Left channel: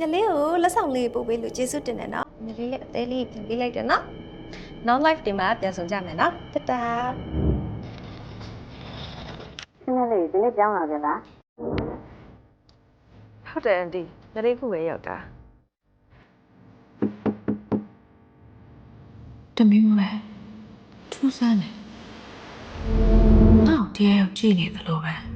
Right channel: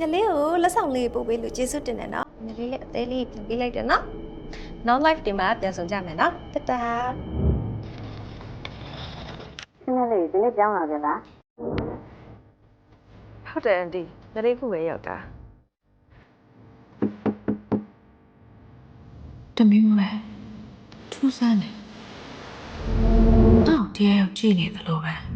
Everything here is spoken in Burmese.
ညလေးကိုလက်ဆောင်လေးပို့ပေးလို့ကျေးဇူးတင်တယ်နော်ညလေးလေးအသေးလေးပြင်ပေးလိုက်တယ်နော်နောက် live တင်မှာပြန်ဆောင်ကြမယ်နော်တတာဆင်းရဲလေးဒီနေ့ကြောင်းလာပြန်လားဟုတ်တယ်အန်တီညလေးခုပဲရောက်တာတမျိုးပဲထူးဆန်းတယ်။တော့တရားရောက်ကြည့်နေသလိုပဲ။